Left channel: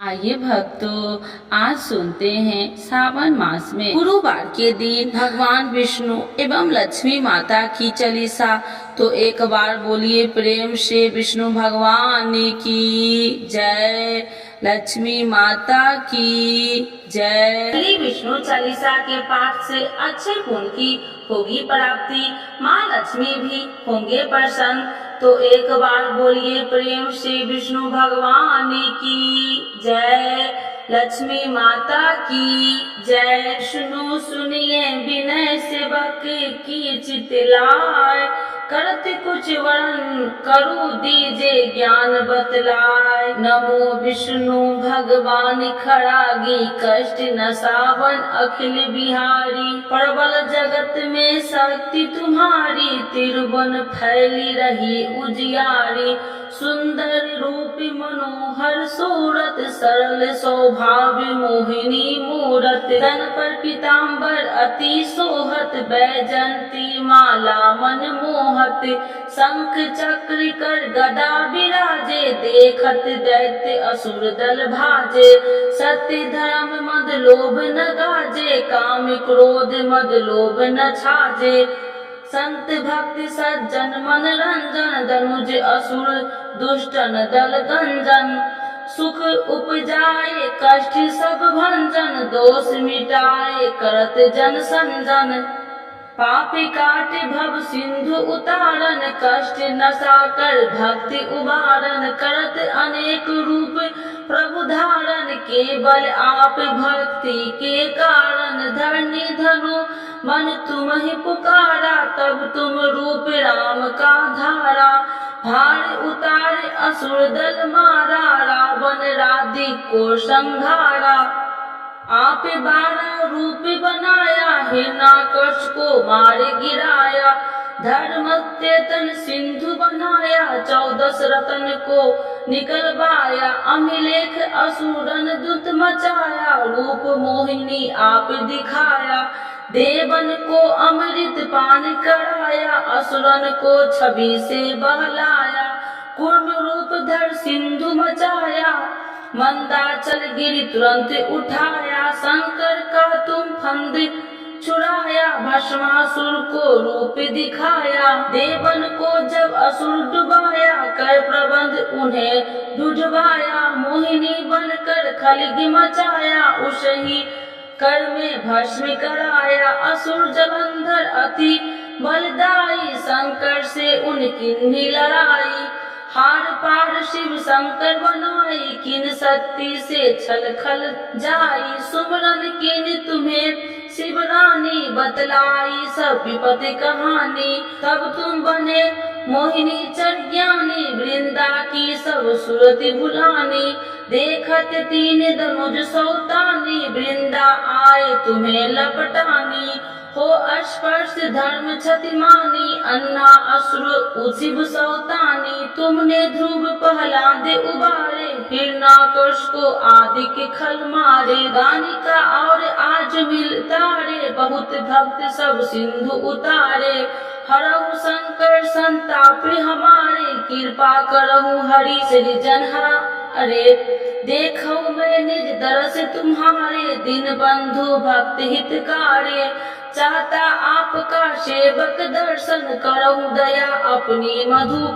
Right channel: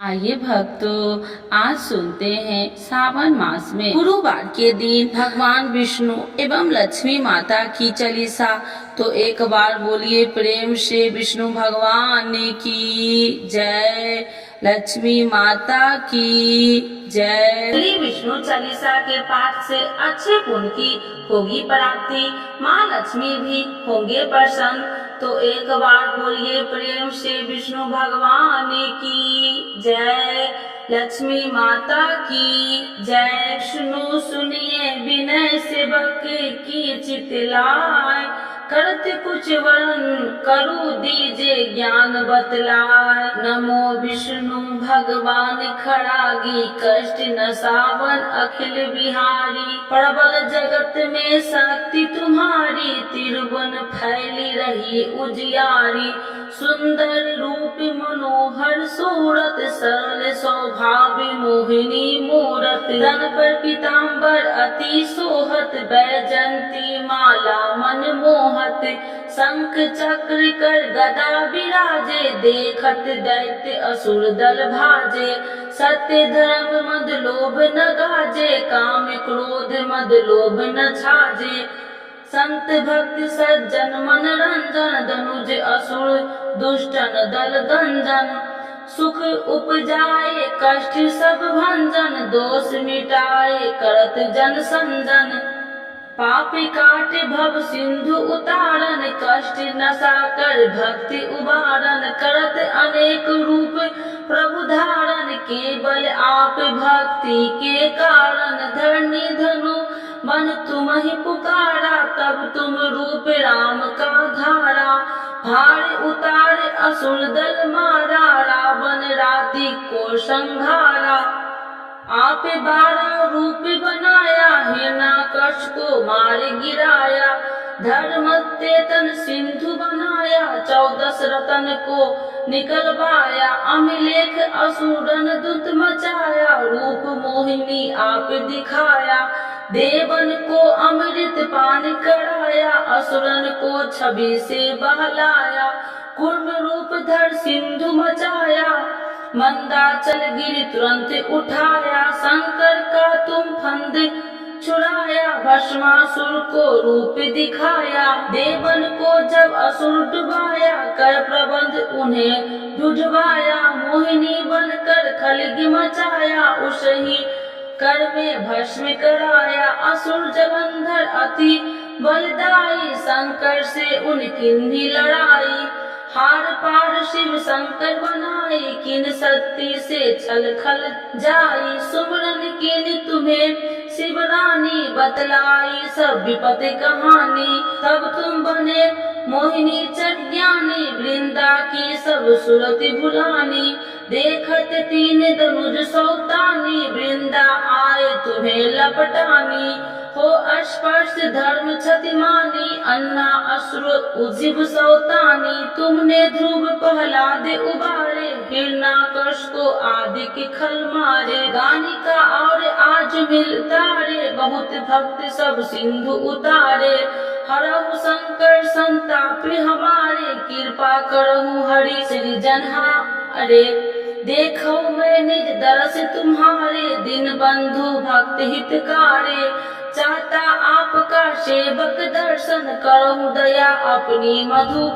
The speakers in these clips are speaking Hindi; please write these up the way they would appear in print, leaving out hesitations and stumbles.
आइए भक्तों, आज सुनते हैं सावन मास में गुरुवार के दिन भगवान विष्णु एवं लक्ष्मी माता की चालीसा। तो एक बार बोलिए प्रेम से विष्णु भगवान की जय, लक्ष्मी माता की जय। श्री विष्णु चालीसा के पाठ से अच्छे पुण्य की होगी प्राप्ति, माँ लक्ष्मी भी होंगे प्रसन्न। तो एक बार बोलिए प्रेम से विष्णु भगवान की जय, लक्ष्मी माता की जय। सुनिए विनय सेवक की चितलाय, करत कुछ वर्ण करु दीजे ज्ञान बतलाय। नमो विष्णु भगवान खड़ागी, कष्ट नसावन अखिल बिहारी। प्रबल जगत में शक्ति तुम्हारी, तिरुवन फैली रही उजियारी। सुंदर रूप मनोहर सूरत, सरल स्वभाव मोहिनी मूरत। तन पर पीताम्बर अति सोहत, बैजंती माला मन मोहत। शंख चक्र कर गदा विराजे, देखत दैत्य असुर दल भाजे। सत्य धर्म मद लोभ न गाजे, काम क्रोध मद लोभ न छाजे। संत भक्त सज्जन मन रंजन, दनुज असुर दुष्टन दल गंजन। सुख उपजाए कष्ट सब भंजन, दोष मिटाए करत जन संजन। पाप काट भव सिंधु उतारन, कष्ट नसा कर भक्ति उबारन। करत अनेक रूप प्रभु धारण, केवल आप भक्ति के कारण। धरनी धनु मन तुम ही पुकारा, तब तुम रूप राम का धारा। भार उतार असुर दल मारा, रावण राधि को संहारा। आप 12 रूप बनाया, हिरण्याकश को मार गिराया। धर्म तेतन सिंधु बनाया, 14 रतन को निकलवाया। अमिलेख असुरन दुत मचाया, रूप मोहिनी आप दिखाया। देवन को अमृत पान कराया, असुरन को छवि से बहलाया। कूर्म रूप धर सिंधु मचाया, मंदाचल गिरि तुरंत उठाया। शंकर का तुम फंद छुड़ाया, भस्मासुर को रूप दिखाया। देवन को जब असुर डुबाया, कर प्रबंध उन्हें ढूंढवाया। मोहिनी बनकर खलगी मचाया, उसही कर में भस्म कराया। असुर जलंधर अति बलदाई, शंकर से उनकी लड़ाई। हार पार शिव शंकर बनाई, किन शक्ति से छल खल जाई। सुमरन किन तुम्हें शिव रानी, बतलाई सब विपत्ति कहानी। तब तुम बने मोहिनी चर ज्ञानी, वृंदा की सब सुरति भुलानी। देखत 3 धनुज सौतानी, वृंदा आए तुम्हें लपटानी। हो स्पर्श धर्म क्षतिमानी, अन्ना असुर उजिब सौतानी। तुमने ध्रुव प्रहलाद उबारे, हिरण्याकश को आदि के खल मारे। गानिका और आज मिलता रे, बहुत भक्त सब सिंधु उतारे। हरहु शंकर संताप हमारे, कृपा करहु हरि सृजन अरे। देखो मैं निज दरस तुम्हारे, दीन बंधु भक्त हितकारे। चाहता आपका सेवक दर्शन, करहु दया अपनी मधु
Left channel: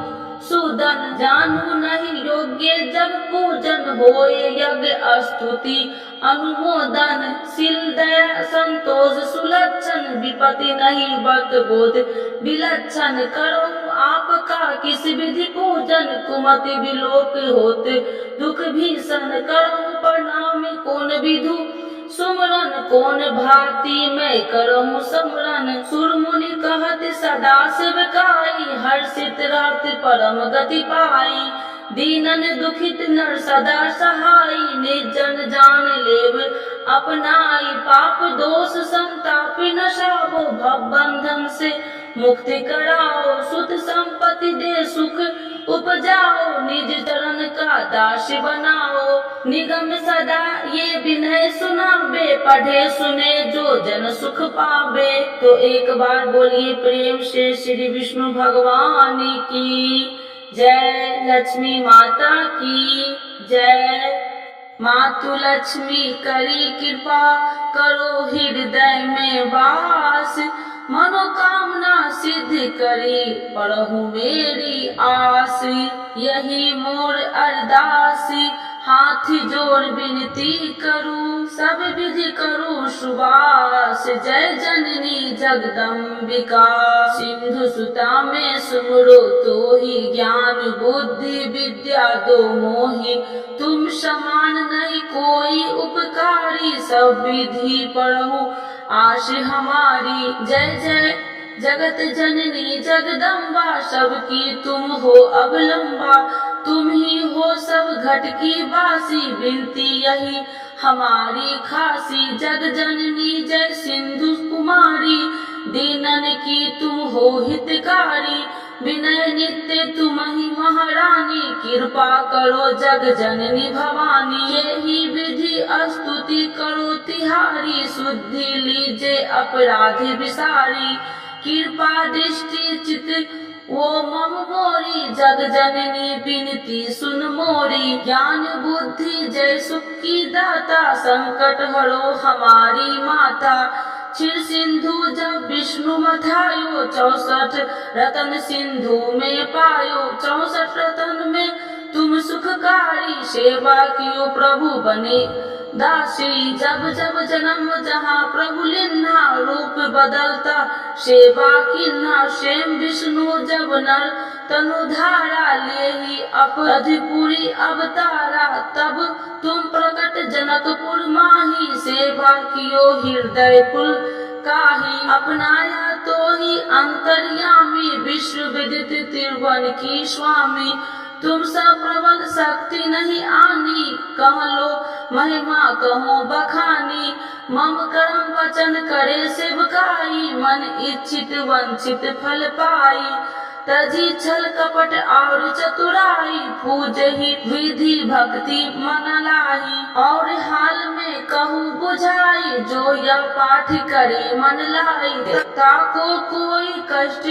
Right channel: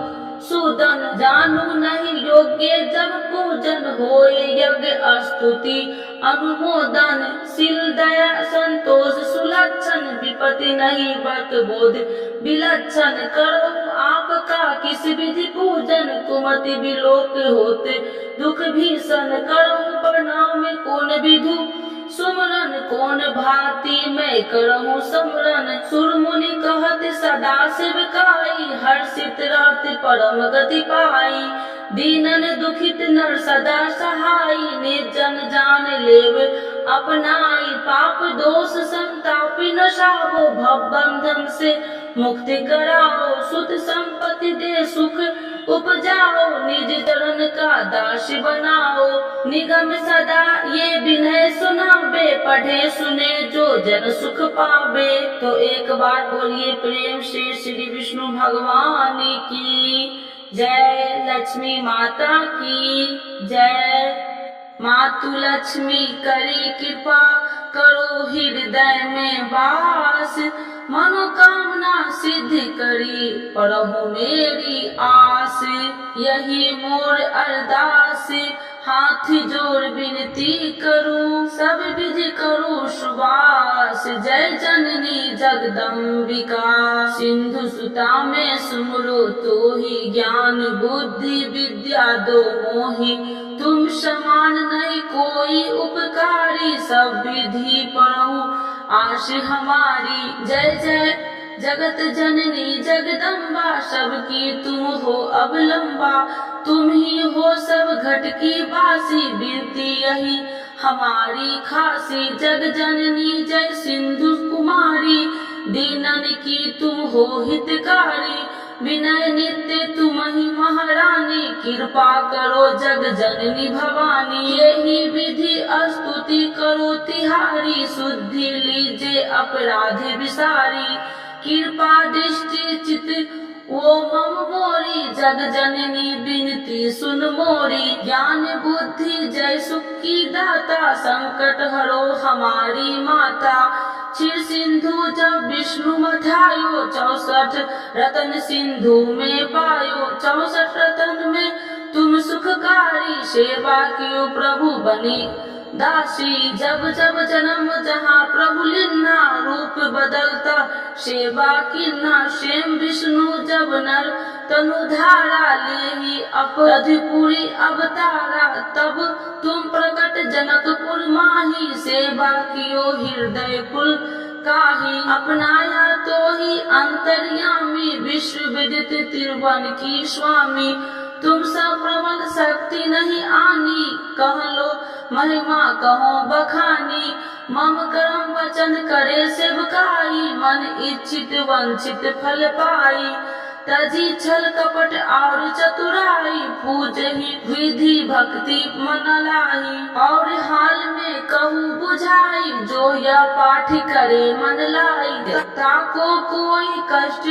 सूदन। जानू नहीं योग्य जब पूजन, होए यज्ञ स्तुति अनुमोदन। शील दया संतोष सुलक्षण, विपत्ति नहीं व्रत बोध विलक्षण। करो आपका किस विधि पूजन, कुमति विलोक होते दुख भीषण। करो प्रणाम कौन विधु सुमरन, कौन भांति मैं करहूँ समरन। सुर मुनि कहत सदा सेवकाई, हर्षित रहत परम गति पाई। दीनन दुखित नर सदा सहाई, निर्जन जान लेव अपनाई। पाप दोष संताप नशावो, भव बंधन से मुक्ति कराओ। सुत संपत्ति दे सुख उपजाओ, निज चरण का दास बनाओ। निगम सदा ये विनय सुनाबे, पढ़े सुने जो जन सुख पावे। तो एक बार बोलिए प्रेम से श्री विष्णु भगवान की जय, लक्ष्मी माता की जय। मातु लक्ष्मी करी कृपा, करो हृदय में वास, मनोकामना सिद्ध करी, पढ़ू मेरी आस। यही मोर अरदास, हाथ जोड़ विनती करूं, सब विधि करूं सुबास, जय जननी जगदम्बिका। सिंधु सुता में सुमरो तो ही, ज्ञान बुद्धि विद्या दो मोहि, तुम समान नहीं कोई उपकारी, सब विधि पढ़ूं आश हमारी। जय जय जगत जननी जगदम्बा, सबकी तुम हो अवलंबा, तुम ही हो सब घट की वासी, विनती यही हमारी खासी। जग जननी जय सिंधु कुमारी, दीनन की तुम हो हितकारी, विनय नित्य तुम ही महारानी, कृपा करो जग जननी भवानी। यही विधि स्तुति करो तिहारी, शुद्धि लीजे अपराधी विसारी, कृपा दृष्टि चित वो मम मोरी, जग जननी बिनती सुन मोरी। ज्ञान बुद्धि जय सुख की दाता, संकट हरो हमारी माता। क्षीर सिंधु जब विष्णु मथायो, 64 रतन सिंधु में पायो, 64 रतन में तुम सुखकारी, सेवा कियो प्रभु बने दासी। जब जब जन्म जहाँ प्रभु लिन्ना, रूप बदलता सेवा किन्ना, स्वयं विष्णु जब नर तनु धारा, ले ही अपराधपुरी अवतारा, तब तुम प्रकट जनकपुर माही, सेवा कियो हृदय कुल काही, अपनाया तो ही अंतर्यामी, विश्व विदित त्रिभुवन की स्वामी। तुम सब प्रबल शक्ति नहीं आनी, कह लो महिमा कहो बखानी, मम कर्म वचन करे सेवकाई, मन इच्छित वंचित फल पाई। तजी छल कपट और चतुराई, पूजहि विधि भक्ति मन लाही, और हाल में कहूँ बुझाई, जो यह पाठ करे मन लाई। ताको कोई कष्ट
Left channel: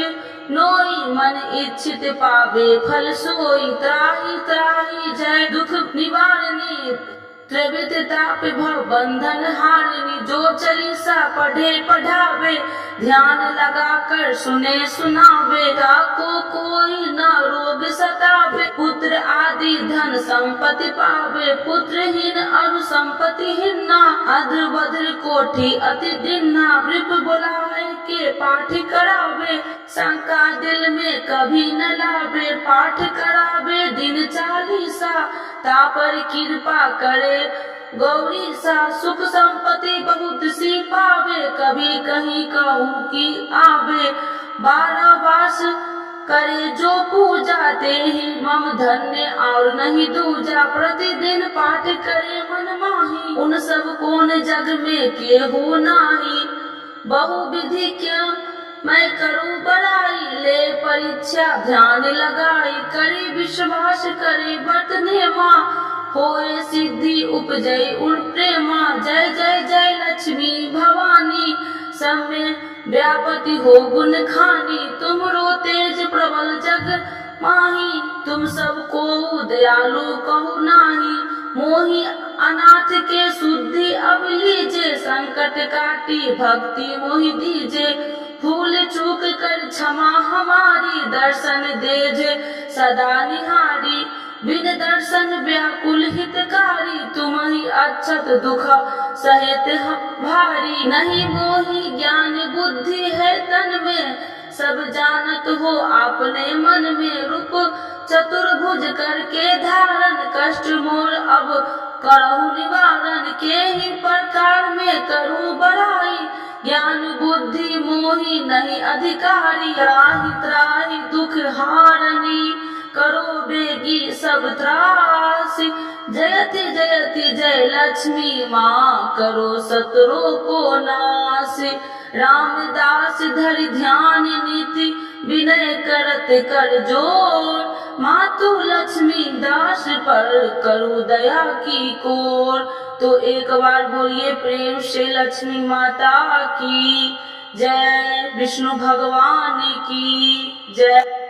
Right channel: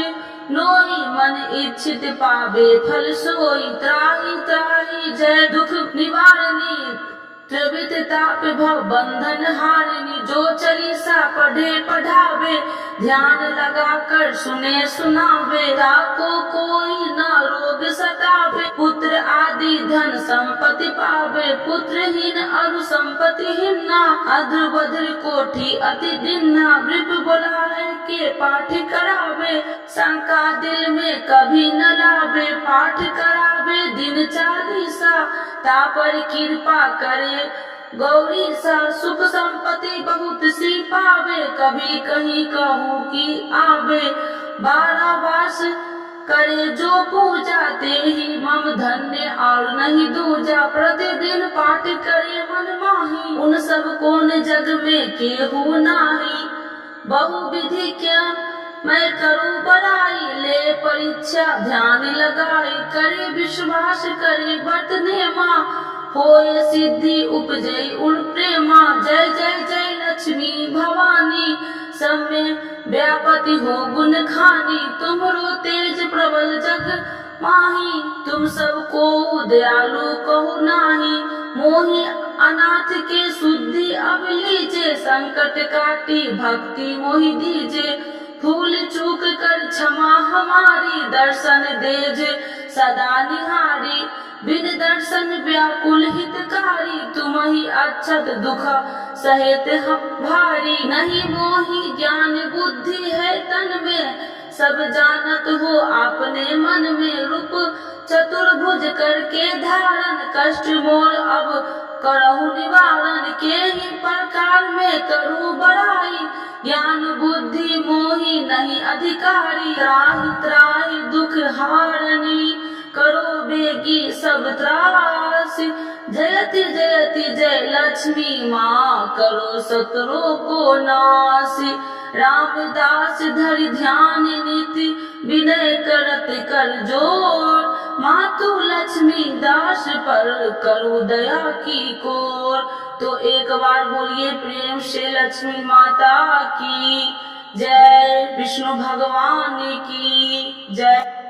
नोई, मन इच्छित पावे फल सोई, त्राहि त्राहि जय दुख निवारणी, त्रिविध ताप भव बंधन हारिणी। जो चालीसा पढ़े पढ़ावे, ध्यान लगा कर सुने सुनावे, ताको कोई न रोग सतावे, पुत्र आदि धन संपत्ति पावे, पुत्रहीन अरु संपत्तिहीन ना, अद्र बद्र कोठी अति दिन्ना। वृप बुलाए के पाठ करावे, शंका दिल में कभी न लावे, पाठ करावे दिन चालीसा, तापर कृपा करे गौरी सा। सुख संपत्ति बहुत सी पावे, कभी कहीं कहूँ की आवे, 12 वर्ष करे जो पूजा, ते ही मम धन्य और नहीं दूजा। प्रतिदिन पाठ करे मन माही, उन सब कौन जग में केहू नाही। बहु विधि क्या मैं करूँ बड़ाई, ले परीक्षा ध्यान लगाई, करी विश्वास करी व्रत नेमा, होए सिद्धि उपजय उन प्रेमा। जय जय जय लक्ष्मी भवानी, सब में व्यापति हो गुण खानी, तुमरो तेज प्रबल जग माही, तुम सबको दयालु कहु नाही। मोहि अनाथ के शुद्धि अब लीजे, संकट काटी भक्ति मोहि दीजे, भूल चूक कर क्षमा हमारी, दर्शन देजे सदा निहारी। बिन दर्शन व्याकुल हितकारी, तुम ही अक्षत दुख सहित भारी। नहीं मोहि ज्ञान बुद्धि है तन में, सब जानत हो आपने मन में। रूप चतुर्भुज करके धारण, कष्ट मोर अब करहु निवारण। के ही प्रकार में करूँ बड़ाई, ज्ञान बुद्धि मोहि नहीं अधिकारी। त्राहि त्राहि दुख हारनी, करो बेगी सब त्रासी। जयति जयति जय लक्ष्मी माँ, करो शत्रु को नासी। रामदास धरि ध्यान नीति, विनय करत कर जोर। मातु लक्ष्मी दास पर करो दया की कोर। तो एक बार बोलिए प्रेम से लक्ष्मी माता की जय, विष्णु भगवान की जय।